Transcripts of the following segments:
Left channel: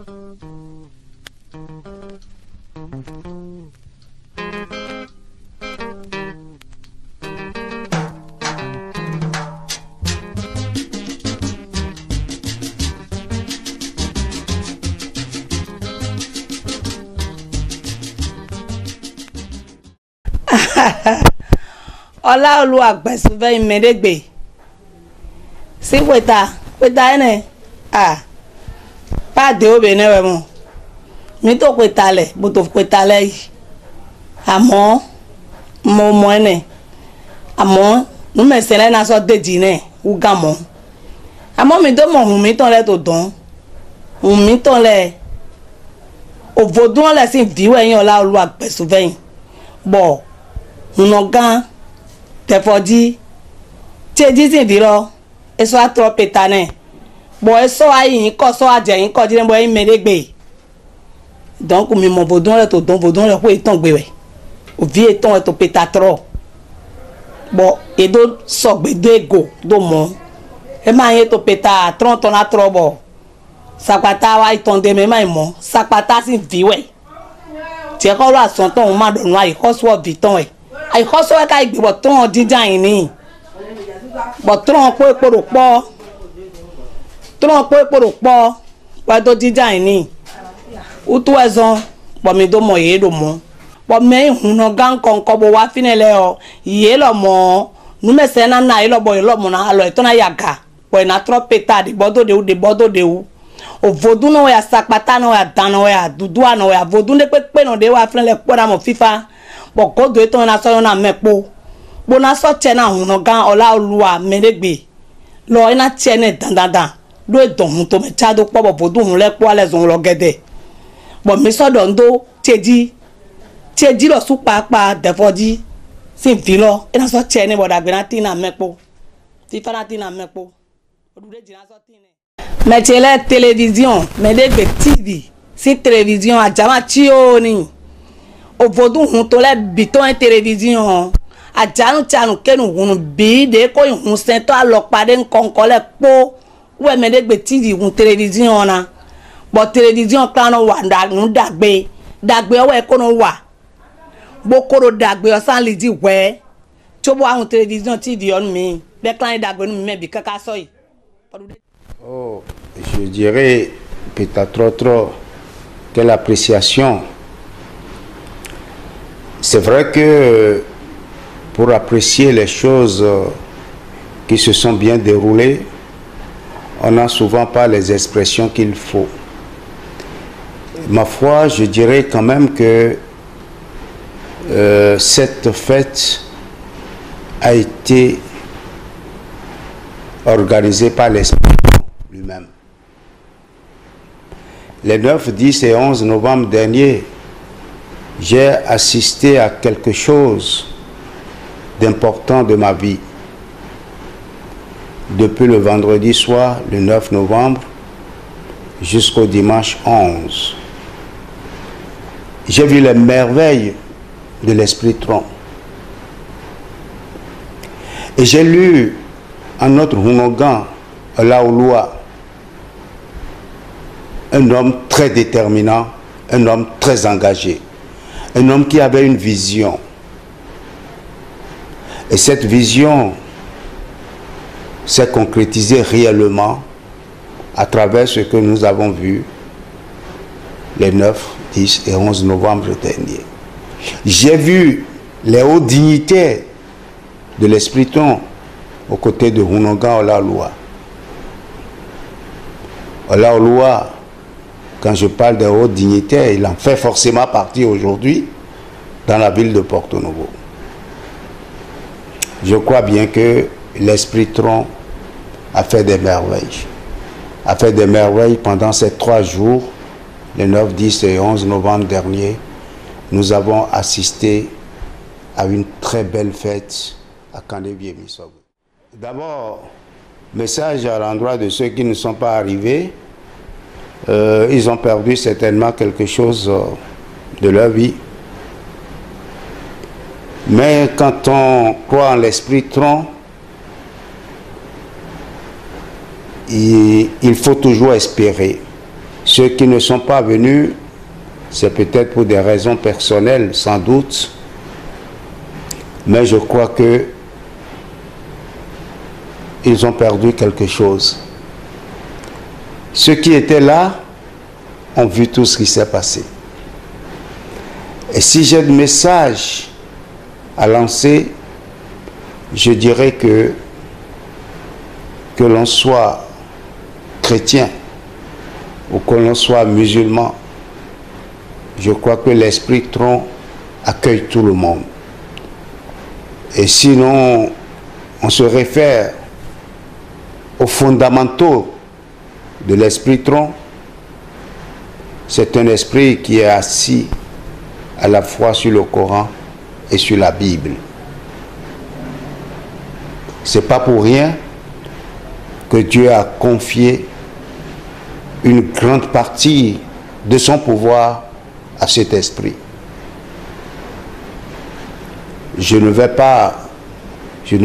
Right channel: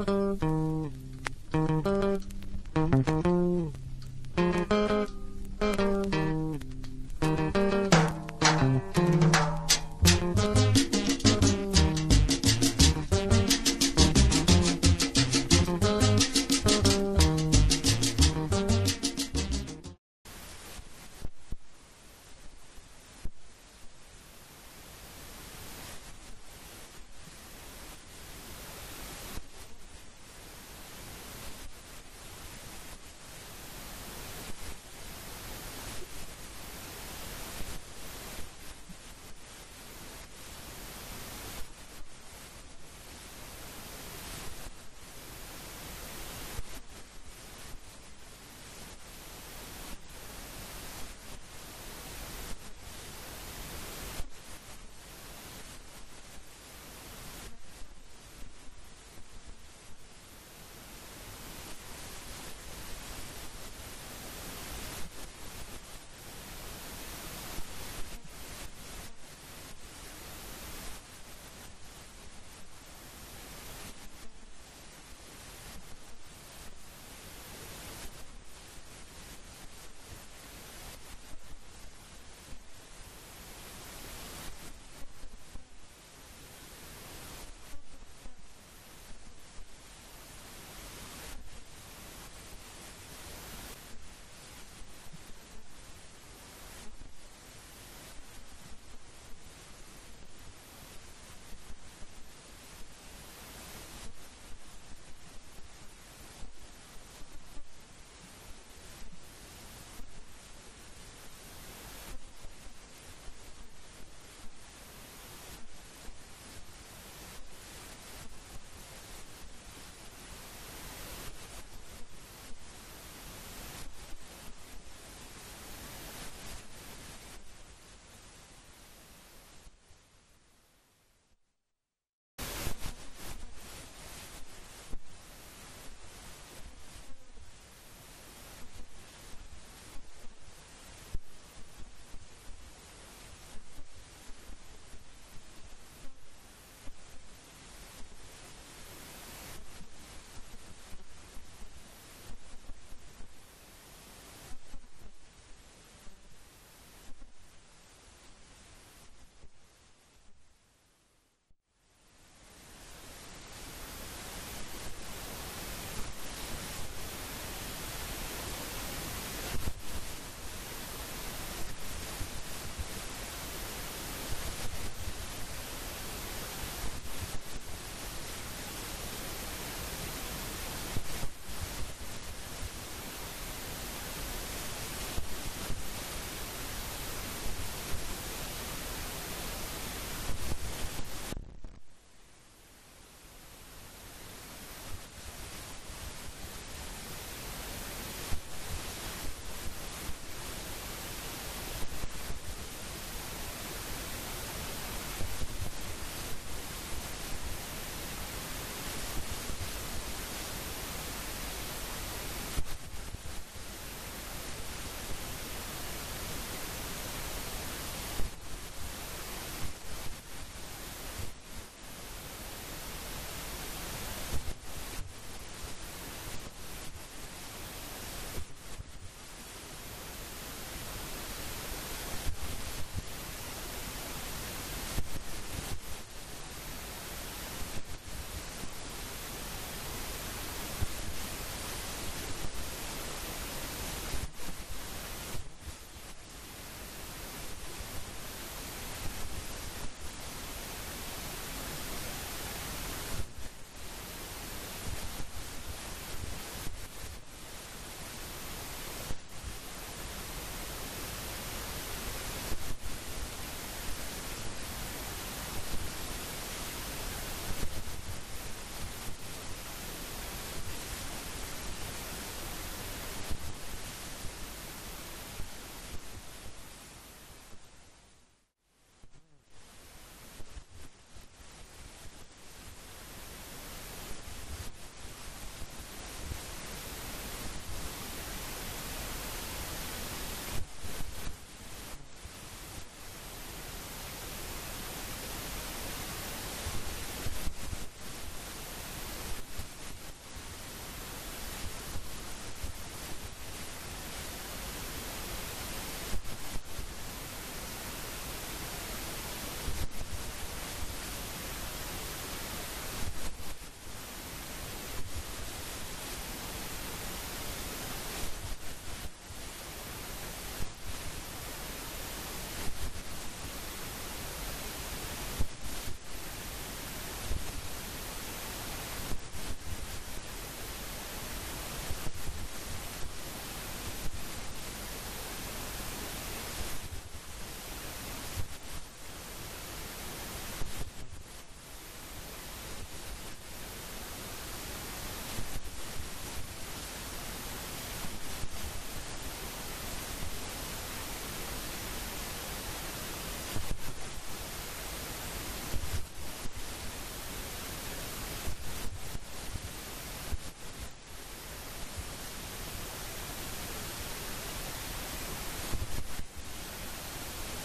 Ọlá Olúwa gbẹ̀sùnfẹ́ ìmẹ̀dẹ́gbẹ̀ sí pẹ̀ta ẹ̀nẹ̀ pàdé obìnrin rẹ̀ mọ̀ mi tó pẹ̀ta lẹ̀ bó tó pẹ̀ta lẹ̀ yìí àmọ́ mo mọ̀ ẹ̀nẹ̀ àmọ́ númẹ̀sẹ̀ lẹ́nu aṣọ dèjì náà wú gà mọ́ àmọ́ mi tó mọ̀ hùn mi tán lẹ́ tó dán hùn mi tán lẹ̀ òvòdún ọ̀lẹ̀ sì dìwọ̀ ẹ̀yìn Ọlá Olúwa gbẹ̀sùnfẹ́ yìí bọ̀ hùn ọ̀gán tẹfọdí tí èjì sì dì lọ èso àtọ pété náà bọ èso ayìyín kọ sọ àjẹyìn kọ jíjẹ bọ ẹyìn mẹrẹgbẹ dọnkù mi mọ bòdún rẹ tó dán bòdún rẹ kó ètò gbé rẹ òbí ètò rẹ tó pété àtọrọ bọ èdò sọgbẹdẹ ègò tó mọ ẹ máa yẹ tó pété àtọrọ tọ náà tọrọ bọ sàpàtà wa ìtàn dèmẹ máa mọ sàpàtà sì dìwẹ tiẹ kọ lọ àsọtọ òun má dọ̀nù àyíkọ́sọ ọ̀bì tán ẹ àyíkọ́sọ ẹ̀ka ìgbìbọ̀ tó hàn jíjà yìí ni bọ̀ tó hàn pé èpòrò pọ̀ wá tó jíjà yìí ni utu ẹ̀zọ́n pọ̀ mi tó mọ̀ yé lò mọ́ pọ̀ mẹ́yìn hùn náà gán kọ̀ọ̀kan bó wá fínilẹ̀ ọ yé lọ mọ́ numẹ̀sẹ̀ náà náà yé lọ bọ̀ yé lọ mọ́ náà alọ̀ ẹ̀tọ́ náà yàgà pọ̀ ẹ̀ náà tọ́ pété àdìbọ́dọ̀dẹ̀wù òvodun náà yà sapata náà yà dan náà yà dudu náà yà vodun dé pépé náà dé wà fínilẹ̀ pọ̀ náà mọ̀ fífa bọ̀ kódò ètò náà sọ́yọ́ náà mẹ́pọ̀ gbóná sọ́ọ̀tẹ̀ náà hùn náà gán Ọlá Olúwa mẹ́rẹ́gbẹ̀ lọ ẹ̀ náà tiẹ̀ náà dandandan ló ìdọ̀hún tó mẹ́ tíadó pọ̀ bọ̀ vodun hùn lẹ́pọ̀ alẹ́ zọ̀n lọ gẹ́dẹ̀ bọ̀ mi sọ́dọ̀ ń dó tiẹ̀dí lọ sún pàápàá dẹ̀fọ́dí sì ń fi lọ ẹ̀ náà sọ́ọ̀tẹ̀ náà bọ̀dà gbẹ̀ náà tì náà mẹ́pọ̀ fífa náà tì náà mẹ́pọ̀ mẹtẹlẹ télévision mẹdẹgbẹ tv sí télévision àjàmà tí ó ní òvodun hun tó lẹ bìtọ́ ẹ télévision àjànú tí a nù kẹ́nu hun bí de kó hun sẹ́ńtọ́ àlọ́pàdé ńkọ̀ǹkọ̀ lẹ kpó wẹ́ mẹdẹgbẹ tv hun télévision na bọ̀ télévision kan wà nù dàgbé ọwọ́ ẹ kó nù wà gbókòrò dàgbé ọ̀sán lè di wẹ́ tó bọ́ àwọn télévision tv ọ̀nù mi bẹ́ẹ̀ kíláyé dàgbé ọ̀nù mi mẹ́bi kẹ́kẹ́ sọ yìí. Oh, je dirais peut-être trop quelle appréciation. C'est vrai que pour apprécier les choses qui se sont bien déroulées, on n'a souvent pas les expressions qu'il faut. Ma foi, je dirais quand même que cette fête a été organisée par l'esprit lui-même. Les 9, 10 et 11 novembre dernier, j'ai assisté à quelque chose d'important de ma vie. Depuis le vendredi soir, le 9 novembre, jusqu'au dimanche 11. J'ai vu les merveilles de l'Esprit Tron. Et j'ai lu en notre Hunogan, Ọlá Olúwa, un homme très déterminant, un homme très engagé, un homme qui avait une vision. Et cette vision s'est concrétisée réellement à travers ce que nous avons vu les 9, 10 et 11 novembre dernier. J'ai vu les hauts dignitaires de l'Esprit Tron aux côtés de Hunogan Ọlá Olúwa. Ọlá Olúwa, quand je parle de hauts dignitaires, il en fait forcément partie aujourd'hui dans la ville de Porto Novo. Je crois bien que l'Esprit Tron a fait des merveilles. A fait des merveilles pendant ces 3 jours, le 9, 10 et 11 novembre dernier. Nous avons assisté à une très belle fête à Kandé-Biémissogo. D'abord, message à l'endroit de ceux qui ne sont pas arrivés. Ils ont perdu certainement quelque chose de leur vie. Mais quand on croit en l'Esprit Tron, il faut toujours espérer. Ceux qui ne sont pas venus, c'est peut-être pour des raisons personnelles, sans doute, mais je crois que ils ont perdu quelque chose. Ceux qui étaient là ont vu tout ce qui s'est passé. Et si j'ai un message à lancer, je dirais que l'on soit chrétien ou que l'on soit musulman, je crois que l'esprit tronc accueille tout le monde. Et sinon, on se réfère aux fondamentaux de l'esprit tronc. C'est un esprit qui est assis à la fois sur le Coran et sur la Bible. C'est pas pour rien que Dieu a confié une grande partie de son pouvoir à cet esprit. Je ne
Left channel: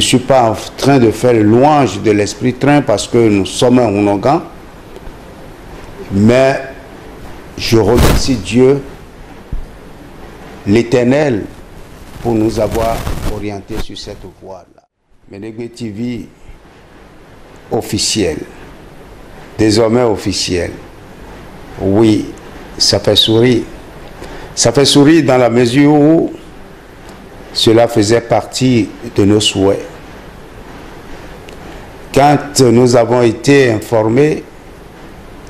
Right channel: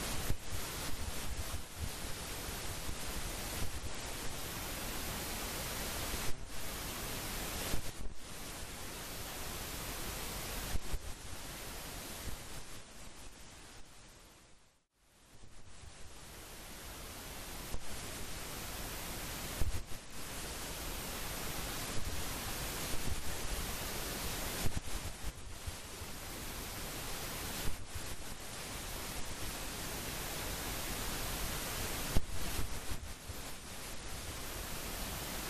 suis pas en train de faire louange de l'esprit train parce que nous sommes un Ounogan, mais je remercie Dieu, l'Éternel, pour nous avoir orientés sur cette voie-là. Ménégué TV officiel, désormais officiel, oui, ça fait sourire. Ça fait sourire dans la mesure où cela faisait partie de nos souhaits. Quand nous avons été informés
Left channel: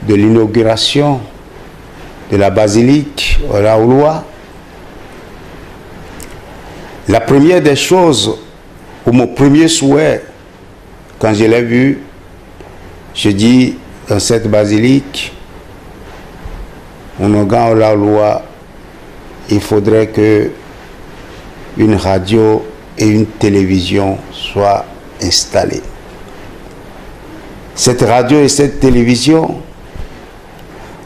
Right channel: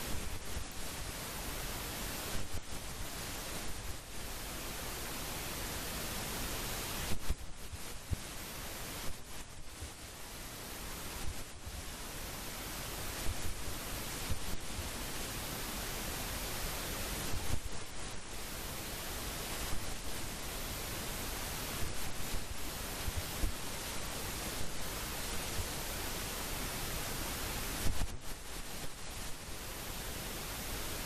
de l'inauguration de la basilique Olaouloa, la première des choses, ou mon premier souhait, quand je l'ai vu, je dis, dans cette basilique, Ounogan Olaouloa, il faudrait que une radio et une télévision soient installées. Cette radio et cette télévision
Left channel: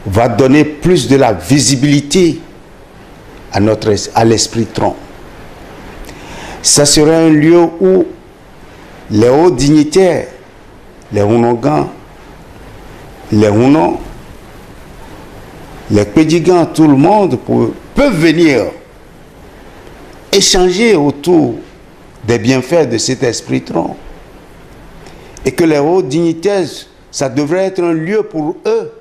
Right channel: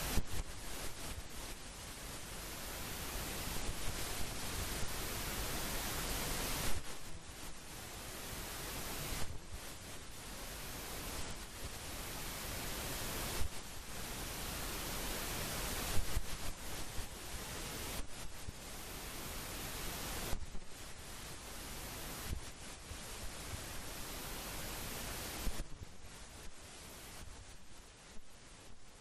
va donner plus de la visibilité à l'esprit tronc. Ça serait un lieu où les hauts dignitaires, les Ounogans, les Ounon, les Pédigans, tout le monde peuvent venir échanger autour des bienfaits de cet esprit tronc. Et que les hauts dignitaires, ça devrait être un lieu pour eux,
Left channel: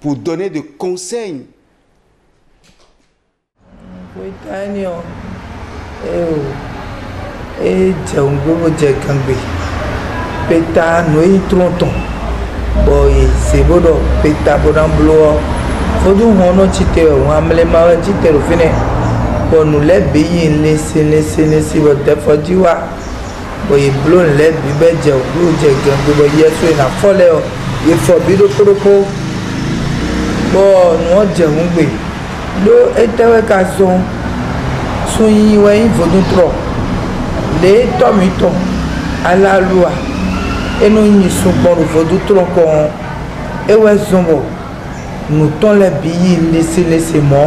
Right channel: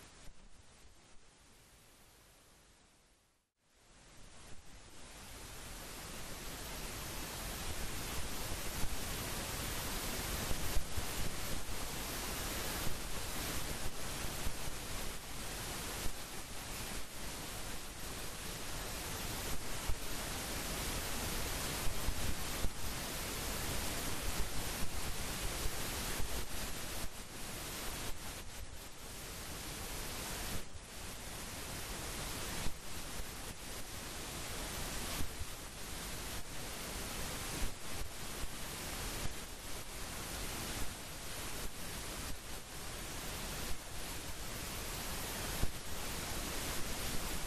pour donner des conseils. Nous les bénis, laissez votre défendiwa. Boy, blon les bibé, j'ai oublié, j'ai gagné, yesu na folle, il faut bido propo. Bon, nous j'ai oublié. L'eau était avec un son, il faut nous trop. Les tomitons à la loi, et nous n'y sommes pas, il faut nous trop. Et ouais, nous t'en les billets, laissez-moi.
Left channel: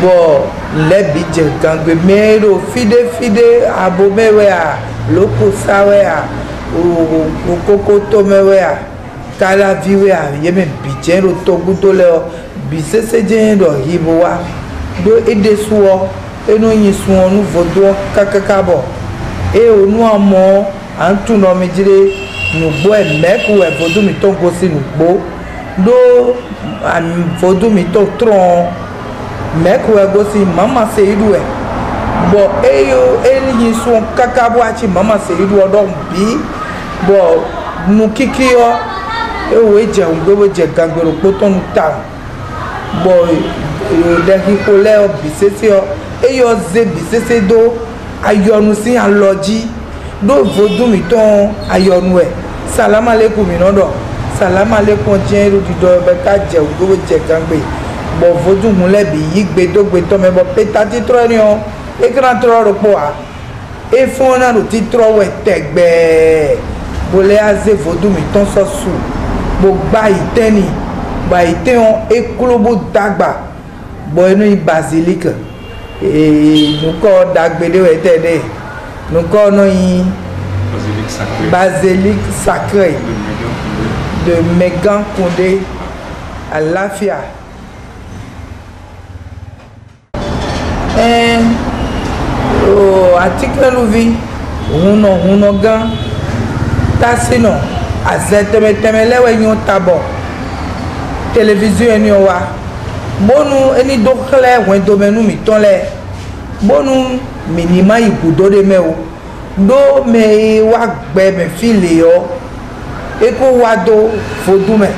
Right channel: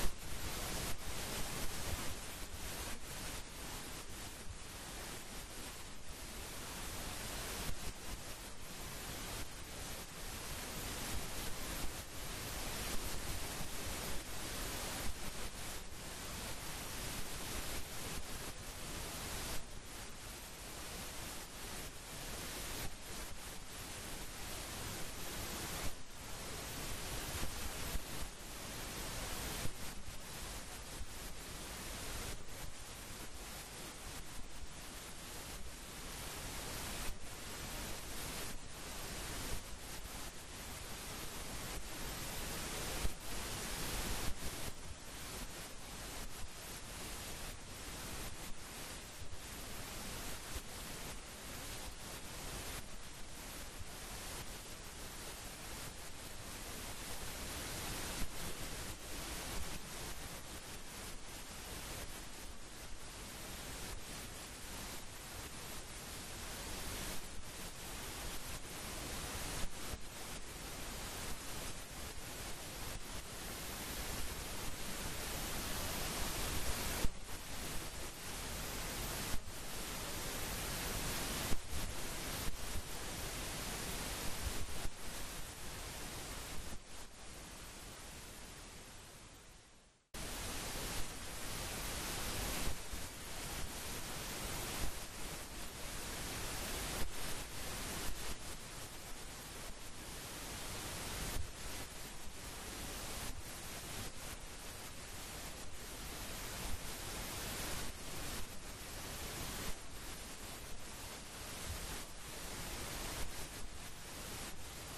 Bon, les bidjets gangwe mero fide abomewea loko sawea ou kokoto mewea kala viwea yeme bidjen ro toguto leo bisese jen do hibowa do ede suo eno yin suo nu vodo kakakabo e onu amo antu no mejire nu gbo e meku e vodo mi ton go si nu gbo do am vodo mi ton tron mekwe gosi mama seidu e bo eyo eli son kakabo achi mama seidu odon bi bo nu kikio ewe je ngbo je gagbero poton ta bo de hikole o bisese o eyo ze bisese do ayonu si aloji do vodu mi ton ayonu e salam aleikum mi nodo salam aleikum je ru di do be ka je ngbo je gagbe bon vodou moulé bi yigbe dogbe to me bo petati tronion e gran tro ropo a e fona no titro we tegbe bolé aze vodou mi ton so su bo gba iteni ba iteon e klobo dagba bo enu basilique e nu ko dagbe de we tede nu ko no yi basilique sacré de Megan Condé àlàáfíà. Atikleluvi huno gan tasino azeteme lewe nyo tabo télévision eni wa bonu eni dokle wen domenu mi tonle bonu minima ibudo de mewo do me wa gbe me file yo eko wa do fodume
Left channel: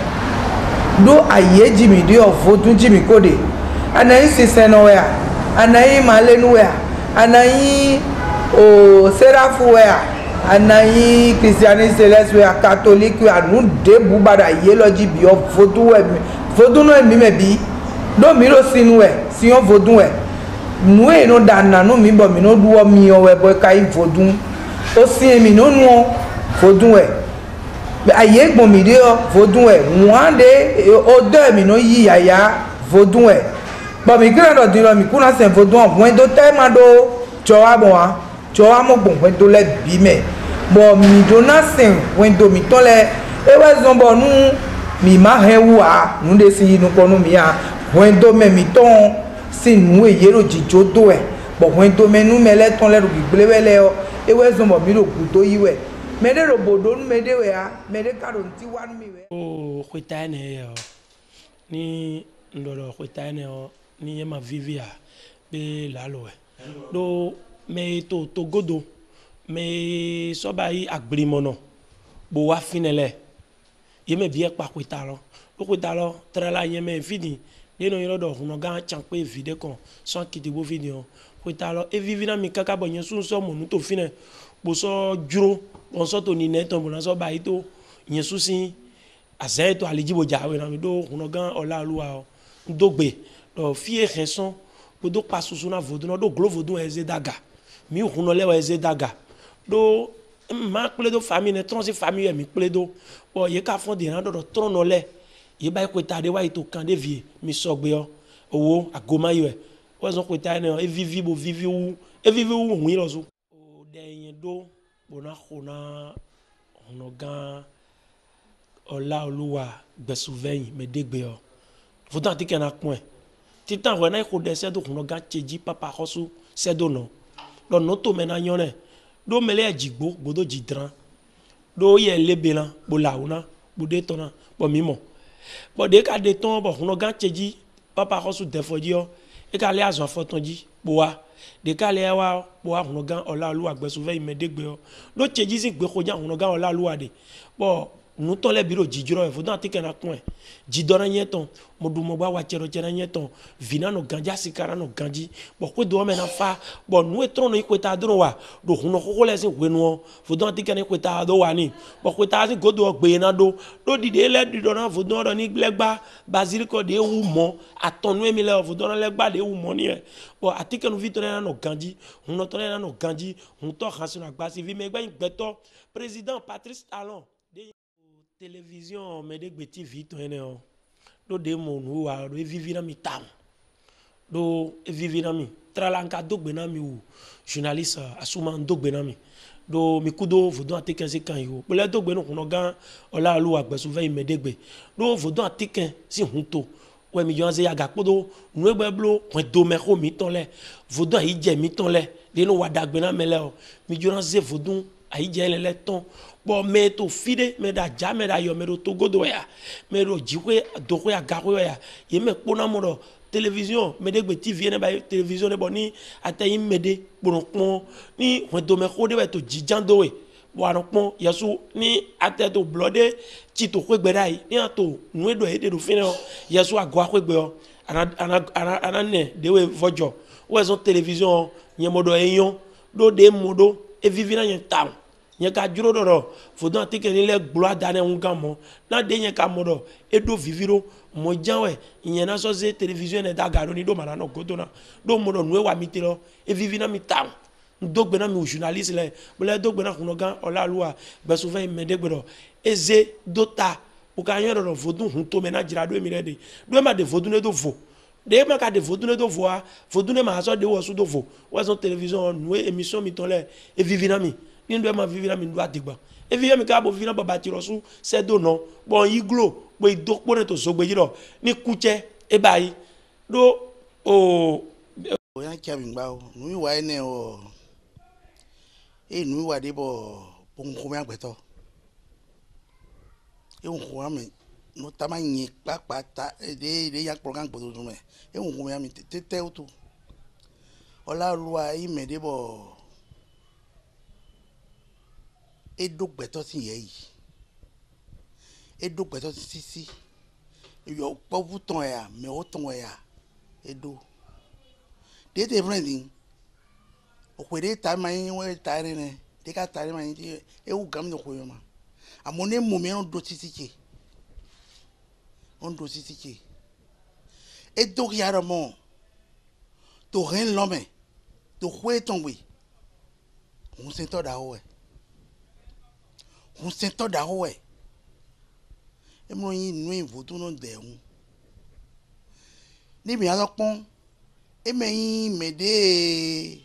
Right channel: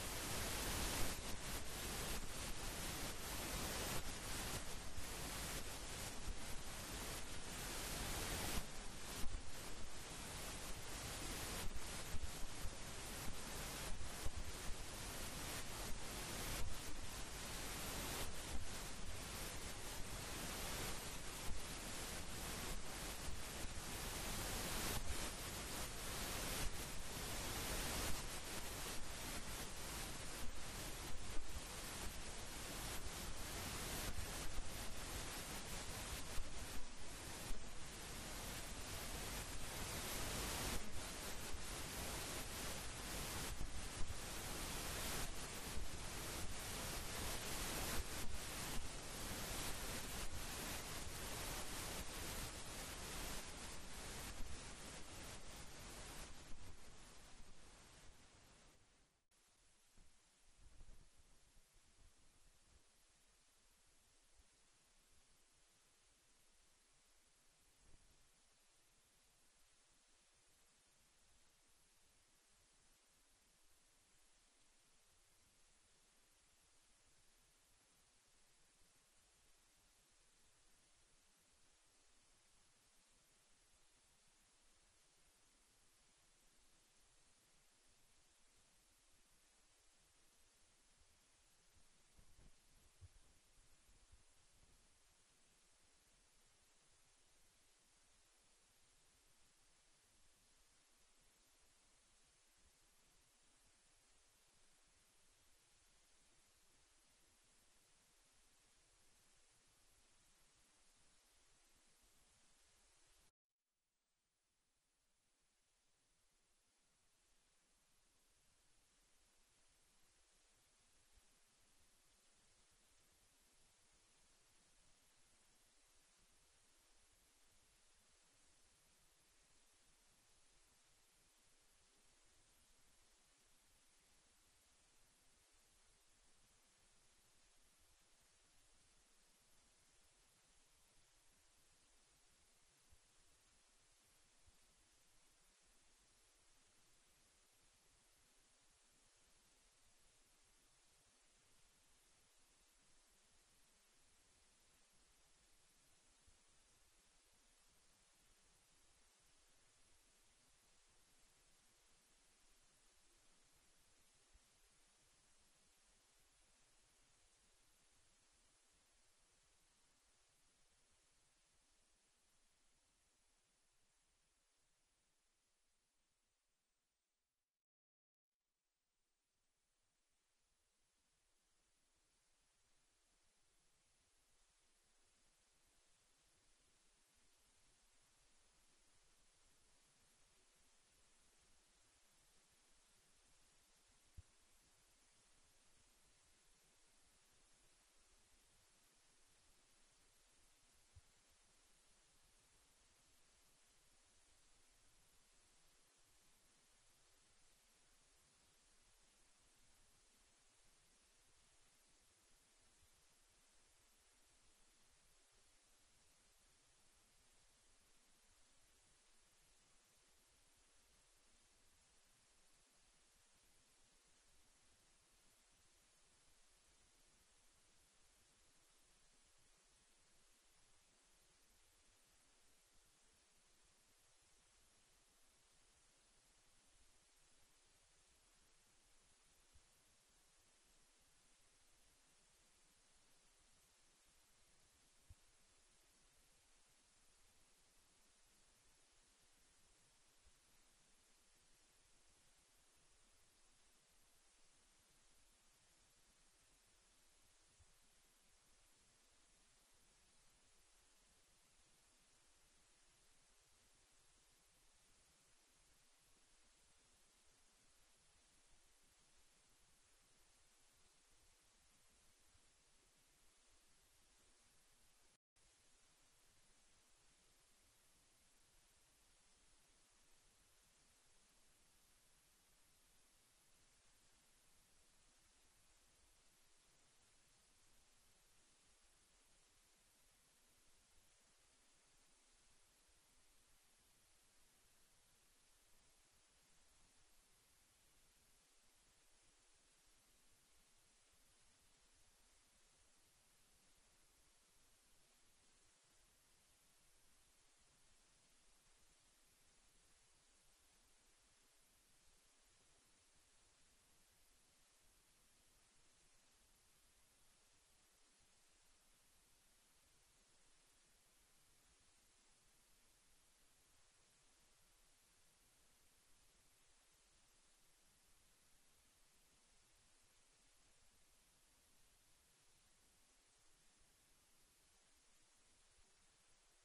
do ayeji mi de o fodun ji mi kode anayi siseno ya anayi malenu ya anayi o serafu ya anayi christianiste celeste ya catholique ya nu de bubada yeloji bi o fodun no mi me bi do mi ro sinu e si on fodun e nu e no dana no mi bo mi no duo mi o we boy kai fodun o si mi no nu fodun e aye gbon mi de o fodun e wan de o de mi no yi yaya fodun e bo mi kira do diro mi kuna sen fodun wen do te ma do chowa bo wa chowa mo gbon wen do le bi me bo mi do na sen wen do mi to le e we zon bo nu mi ma he wa nu de si nu ko nu mi a wen do me mi ton si nu e yero jijo do e bo wen do me nu me le ton le ru gbele wele o e we zon bo mi ro ku to yi we me de ro bodo nu me de we a me de ka ro nti wa nu mi we o kweta ne yo ni ndoro kweta ne o ni ye ma vivia be lalo e do me to godo me so ba yi agbirimono bo wa finele ye me vie pa kweta lo tra la ye me fini ye no yoro do huno ga champe vide kon so kiti bo video kweta lo e vivi na mi kaka bo yen sun so mo nu to fine bo so juro bon so to ni neton bo na so ba yi to yen sun sin azen to alijibo jawe na mi do huno ga ola luwa o dogbe do fie reson do passo na vodo no do glovo do eze daga mi huno lewa eze daga do ma pledo famille ne transi famille mi pledo o ye ka fond de na do trono le ye ba kweta de wa ito kan de vie mi sogbe o owo agoma yo o zo kweta ne e vivi bo vivi u e vivi u hu lo so o de yin do bona khona huno gan ola oluwa gbesuveyin me degbe o vodo atike na kun titan wena ko de sedo kuno ga cheji papa khosu sedo no lo no to mena nyone do mele ajigbo godo jidran do ye lebela bo launa bo de tona bo mimo bo de ka de ton bo kuno ga cheji papa khosu defoji o e ka le azon fotonji bo wa de ka le wa bo wa kuno ga ola lu agbesuve imedegbe o do cheji sin gbe koja kuno ga ola lu ade bo nu to le biro jijiro e fodan atike na kun e jidora nyeton modumo ba wa chero chera nyeton vina no ganja sikara no ganji bo ko do me na fa bo nu etron no ikweta dro wa do huno ko le sin wenu fodan atike na ikweta do wa ni bo kweta sin godo gbe na do dide le dido na fodan do ni glegba basilico de wu mo atonu emi le fodan legba de wu mo ni e bo atike no vitore na no ganji huno to na no ganji hun to khan sinu agba si vi me gba igbeto président Patrice Talon télévision me de gbeti vite ene o do de mo nu wa do vivi na mi tam do vivi na mi tralanka do gbe na mi o journaliste asuma do gbe na mi do mi kudo vodo atike se kan yo pele do gbe no kuno gan ola lu agbesu ve me de gbe do vodo atike si hunto we mi jonze yaga podo nu egbe blo point do me ko mi ton le vodo yi je mi ton le de no wa dagbe na mele o mi jonze vodo ayi je le ton bo me to fide me da ja me da yo me do togodo ya me do jiwe do ko ya gawo ya ye me pona mo do télévision me de gbe tv ne ba télévision ne boni atayi me de pon ni won do me ko de ba to jijando we bo aron pon yesu ni ate to blode ti to ko gbe dai ni ato nu edo e de do fine o yesu agwa ko gbe o ana ne de we vojo we son télévision yen modo eyon do de modo e vivi na yen tam nye ka juro doro fodo atike ni le glo dane unga mo na de nye ka modo edo viviro mo janwe nye na so ze television e daga ro ni do mana no godo na do modo nu e wa mitiro e vivina mi tam do gbe na mi journaliste le bo le do gbe na kuno gan ola luwa be so fe me de gbe do eze dota o ka yen do fodo hun to me na jira do mi re de do ma de fodo ne do vo de ma ka de fodo ne do vo a fodo ne ma so de wo so do vo wa so television nu émission mi ton le e vivina mi ni ndo ma vivira mi ndo adigba e vi mi ka bo vi na baba ti rosu se do no bon iglo bo idokpo ne to sogbe ji lo ni kuche e bayi do o oya kya bingba o nu wa ene o e nu wa de bo nko me agbeto e nko me no tama yin papa ta de ya program gbodo dun me e nko me ami tete o to ola ruwa i me de bo e do gbeto ti ye yi e do gbeto si yo po buton ya me o ton ya e do de te friending o kwere ta mai we ta re ne de ka ta re mai e u gam no ko yo ma amone mo me on do titi et donc y a le monde to rien l'homme to quoi tomber on s'entend d'aoue et moi nous voto non de on ni bien alors pon et m'aider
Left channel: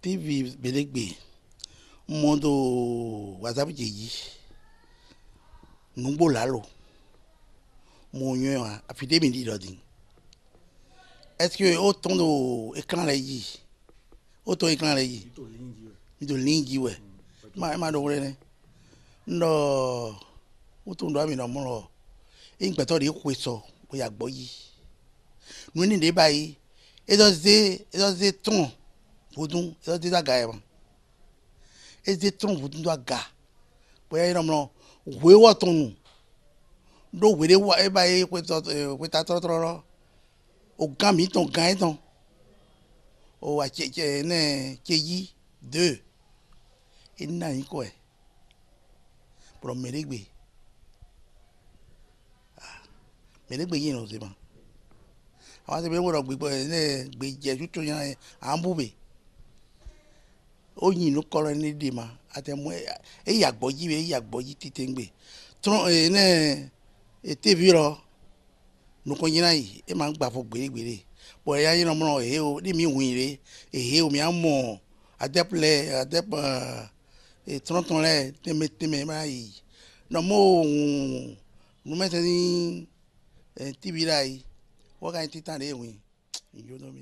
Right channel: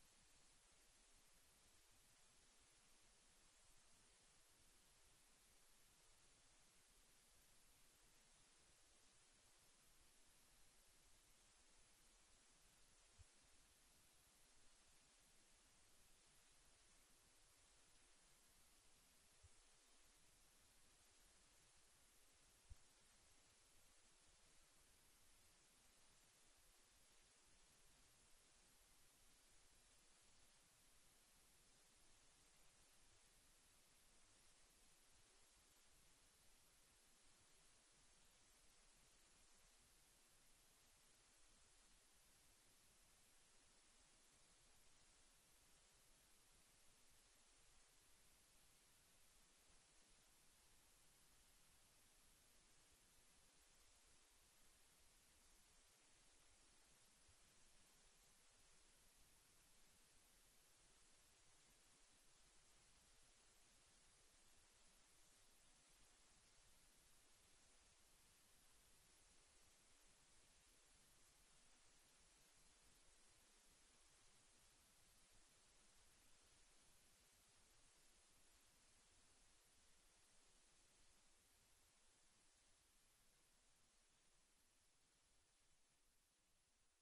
TV belegbe mondo WhatsApp jeji ngbo lalo mo yan afide mi di lodin est-ce que autant do écran la yi autant écran la yi mi do lingi we ma do re ne no autant do ami no mo lo e npe to de ku so bo ya gbo yi nu ni de bayi e do se ton vodun e do da ga e se ton vodun do ga bo ya no mo we wo ton nu do we de wa e bayi ku ta tro o gan mi ton gan ton o wa che ne che yi 2 ina yin ko e pro meregbe yin no se ma àwọn se be wo ro gbe ne gbe je tutu yan an bube o yin no koro ni de ma atemu e ya gboji tite ngbe tron ne TV ro no ko yin ayi e ma gba fo gbere bo ya yin no mo e o ni mi win re e o mi amo adeple e tron le teme ma yi no mo no me te ni TV rai wo ka titan re win yo do